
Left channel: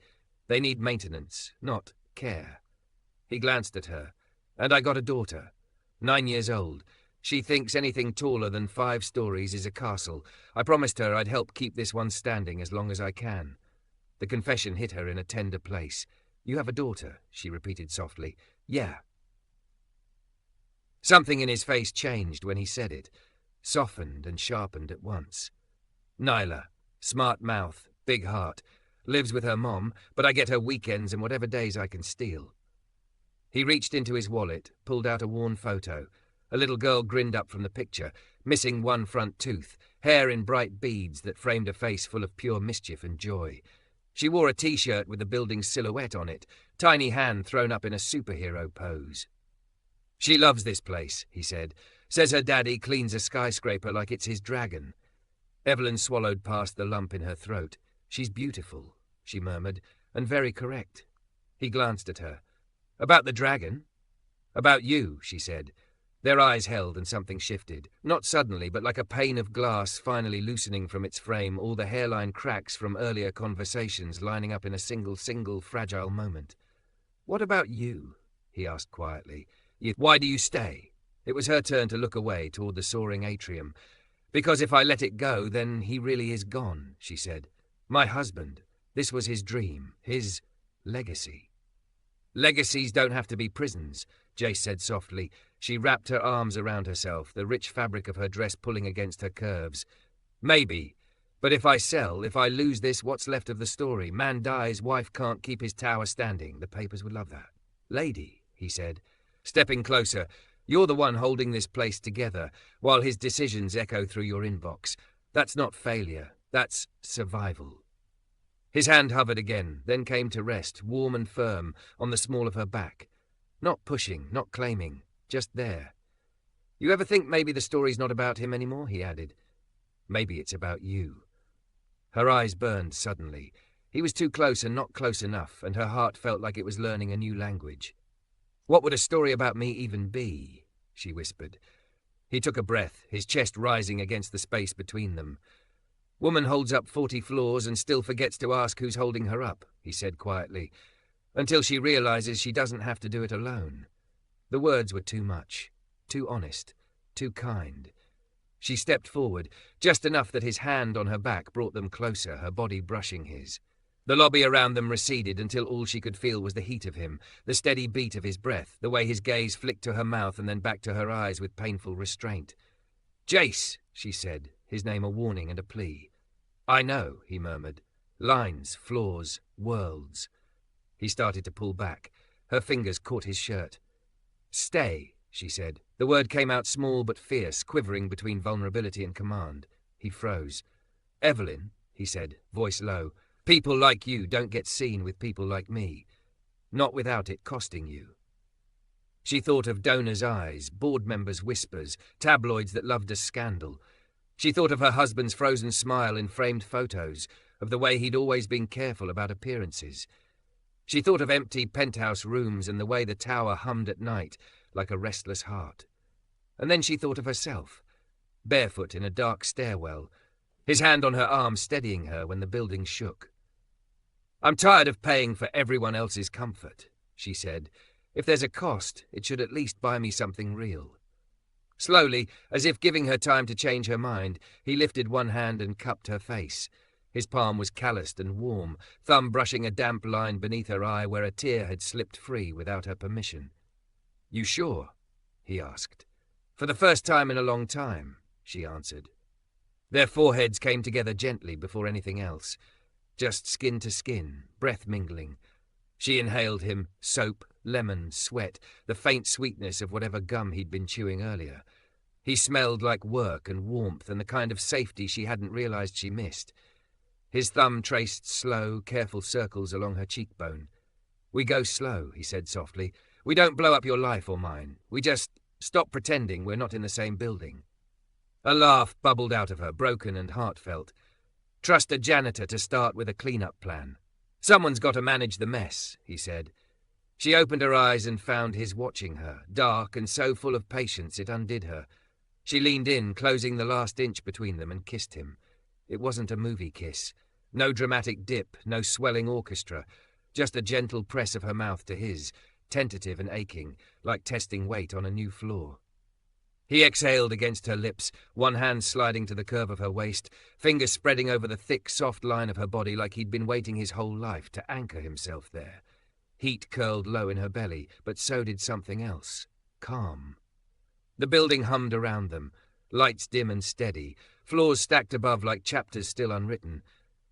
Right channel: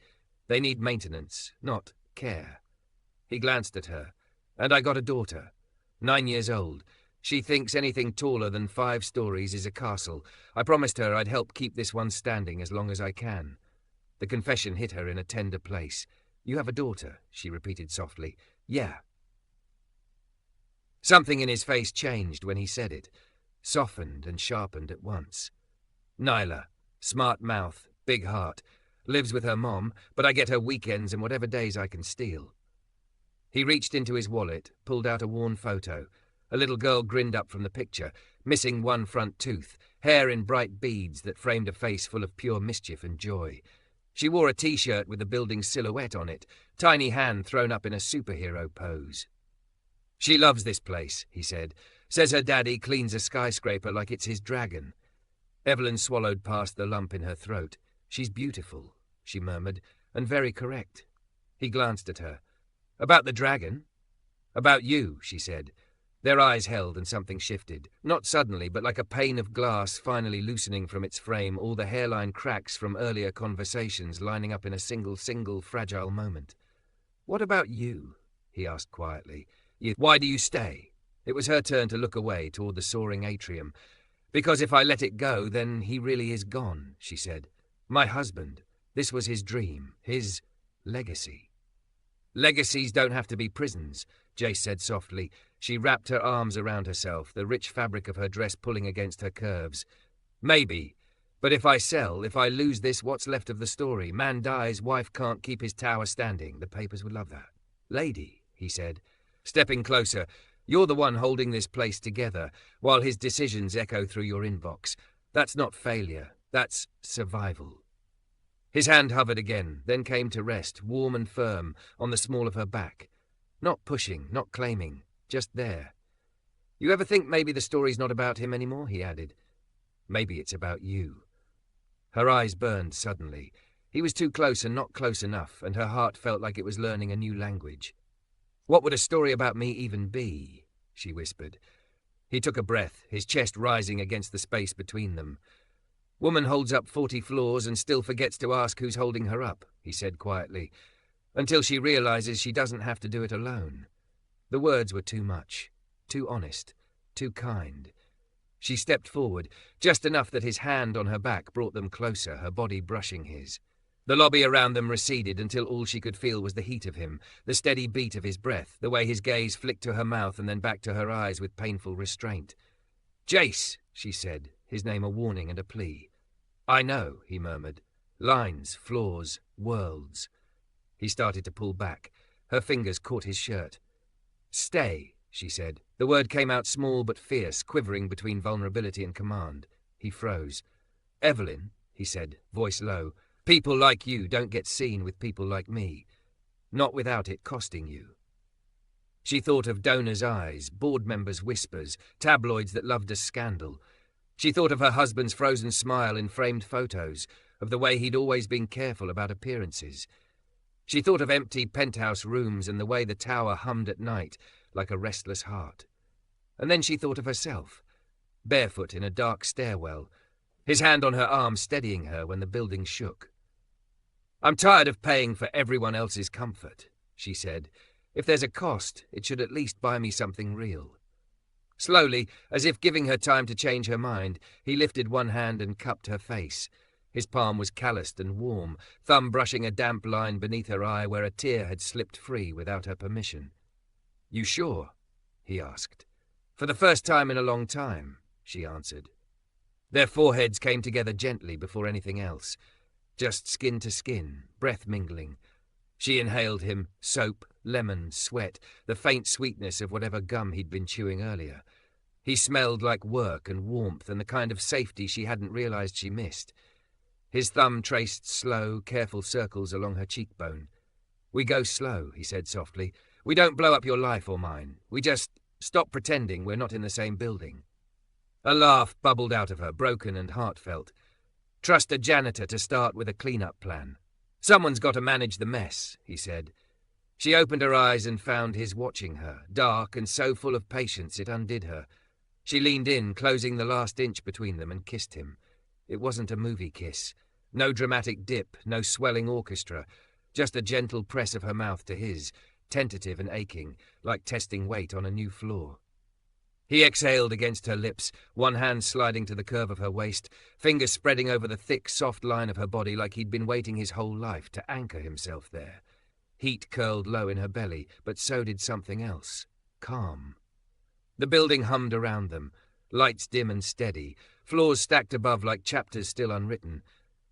"They need maintenance, not care." He glanced at her. "And I got a daughter, 9 years old. She thinks anything taller than 5 stories is a castle. I promised her I'd help keep this one standing as long as I can." The confession hit her in a tender place. "You have a daughter," she repeated softly. "Yeah." Something in his face changed when he said it, softened and sharpened at once. "Nyla, smart mouth, big heart, lives with her mom, but I get her weekends and whatever days I can steal." He reached into his wallet, pulled out a worn photo. A little girl grinned up from the picture, missing one front tooth, hair in bright beads that framed a face full of pure mischief and joy. She wore a T-shirt with the building's silhouette on it, tiny hand thrown up in a superhero pose. "She loves this place," he said. "Says her daddy cleans a skyscraper like it's his dragon." Evelyn swallowed past the lump in her throat. "She's beautiful," she murmured, "and very correct." He glanced at her. "About the dragon?" About you, she said. Their eyes held and something shifted. Not suddenly, but like a pane of glass finally loosening from its frame, all the hairline cracks from earlier conversations lining up in a single, fragile moment. What about you? He asked quietly. Why do you stay? It was her turn to look away toward the soaring atrium. Because if I let it go, then he really is gone, she said. My husband. This was his dream, his legacy. Legacies don't have to be prisons, Jace said softly. She wrapped her arms around herself, the rich fabric of her dress pulling against her curves. Maybe. But if I sell, if I lose this, what's left of the story? Man dies, wife can't keep his tower standing. The papers would love that. Lady, he said, stepping closer, you're the one holding this place together, while his decisions echo through your inbox. That's not failure. That's survival. His hand hovered again, then came to rest, warm and firm, on the small of her back. Not pushing, not claiming, just there. You ever think maybe the story's not about him anymore? He added. Maybe it's about you. Her eyes burned suddenly. He was too close and not close enough, and her heart felt like it was learning a new language. What would a story about me even be? She whispered. He took a breath, his chest rising against the space between them. Woman holds up 40 floors and still forgets to ask who's holding her up, he said quietly, until she realizes she doesn't have to do it alone. The words were too much, too honest, too kind. She stepped forward, just enough that his hand on her back brought them closer, her body brushing his. The lobby around them receded until all she could feel was the heat of him, the steady beat of his breath, the way his gaze flicked to her mouth and then back to her eyes with painful restraint. Jace, she said, his name a warning and a plea. I know, he murmured. Lines, floors, worlds. He started to pull back. Her fingers caught his shirt. Stay, she said. The word came out small but fierce, quivering between vulnerability and command. He froze. Evelyn, he said, voice low, people like you don't get seen with people like me. Not without it costing you. She thought of donors' eyes, board members' whispers, tabloids that loved a scandal. She thought of her husband's frozen smile in framed photos, of the way he'd always been careful about appearances. She thought of empty penthouse rooms and the way the tower hummed at night, like a restless heart. And then she thought of herself, barefoot in a dark stairwell, his hand on her arm steadying her when the building shook. I'm tired of paying for everyone else's comfort, she said. If there's a cost, it should at least buy me something real. Slowly, as if giving her time to change her mind, he lifted one hand and cupped her face. His palm was calloused and warm, thumb brushing a damp line beneath her eye where a tear had slipped free without her permission. You sure? He asked. For the first time in a long time, she answered. Their foreheads came together gently before anything else. Just skin to skin, breath mingling. She inhaled him, soap, lemon, sweat, the faint sweetness of whatever gum he'd been chewing earlier. He smelled like work and warmth and the kind of safety she hadn't realized she missed. His thumb traced slow, careful circles along her cheekbone. We go slow, he said softly. We don't blow up your life or mine. We just stop pretending we're not in the same building. A laugh bubbled out of her, broken and heartfelt. Trust a janitor to start with a clean-up plan. Someone's got to manage the mess, he said. She opened her eyes and found his watching her, dark and so full of patience it undid her. She leaned in, closing the last inch between them, and kissed him. It wasn't a movie kiss. No dramatic dip, no swelling orchestra, just a gentle press of her mouth to his, tentative and aching, like testing weight on a new floor. He exhaled against her lips, one hand sliding to the curve of her waist, fingers spreading over the thick, soft line of her body like he'd been waiting his whole life to anchor himself there. Heat curled low in her belly, but so did something else. Calm. The building hummed around them, lights dim and steady, floors stacked above like chapters still unwritten.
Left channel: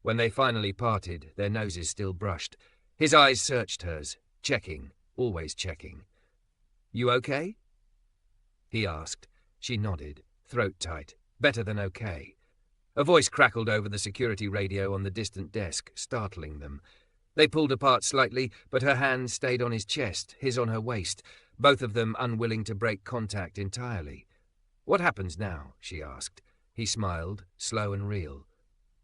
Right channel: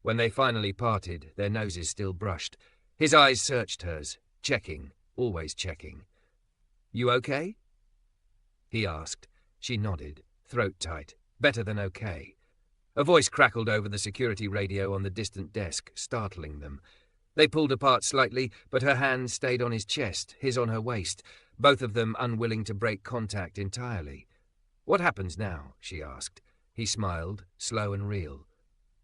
When they finally parted, their noses still brushed. His eyes searched hers, checking, always checking. You okay? He asked. She nodded, throat tight. Better than okay. A voice crackled over the security radio on the distant desk, startling them. They pulled apart slightly, but her hand stayed on his chest, his on her waist, both of them unwilling to break contact entirely. What happens now? She asked. He smiled, slow and real.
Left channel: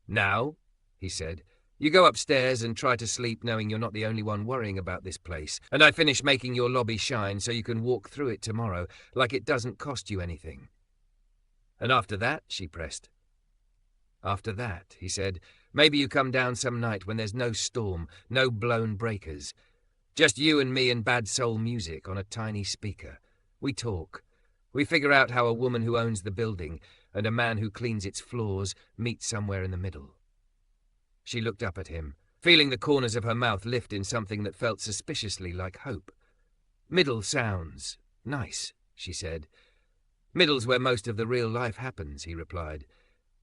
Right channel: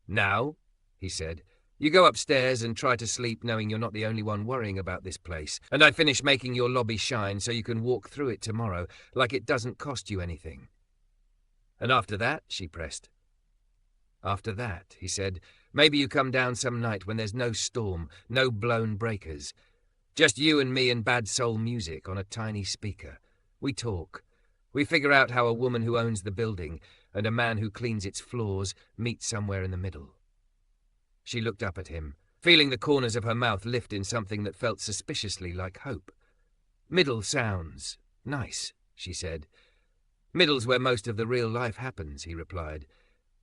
Now? He said. You go upstairs and try to sleep knowing you're not the only one worrying about this place, and I finish making your lobby shine so you can walk through it tomorrow like it doesn't cost you anything. And after that, she pressed. After that, he said, maybe you come down some night when there's no storm, no blown breakers. Just you and me and bad soul music on a tiny speaker. We talk. We figure out how a woman who owns the building and a man who cleans its floors meet somewhere in the middle. She looked up at him, feeling the corners of her mouth lift in something that felt suspiciously like hope. Middle sounds nice, she said. Middle's where most of the real life happens, he replied.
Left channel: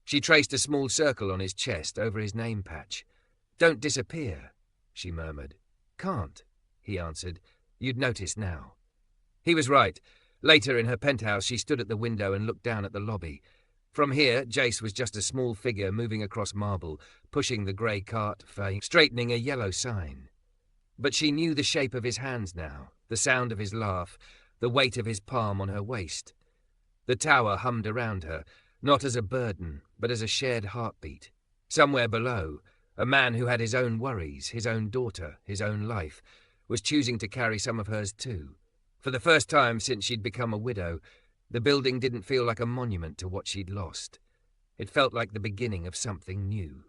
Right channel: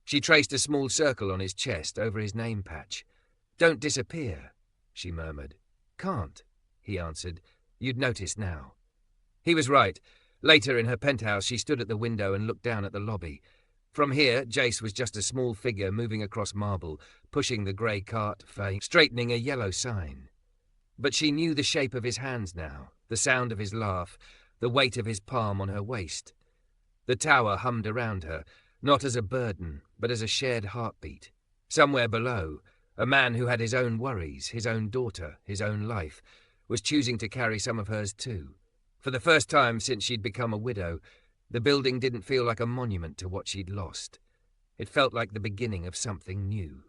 She traced a small circle on his chest over his name patch. Don't disappear, she murmured. Can't, he answered. You'd notice now. He was right. Later in her penthouse, she stood at the window and looked down at the lobby. From here, Jace was just a small figure moving across marble, pushing the grey cart, straightening a yellow sign. But she knew the shape of his hands now, the sound of his laugh, the weight of his palm on her waist. The tower hummed around her, not as a burden, but as a shared heartbeat. Somewhere below, a man who had his own worries, his own daughter, his own life, was choosing to carry some of hers too. For the first time since she'd become a widow, the building didn't feel like a monument to what she'd lost. It felt like the beginning of something new.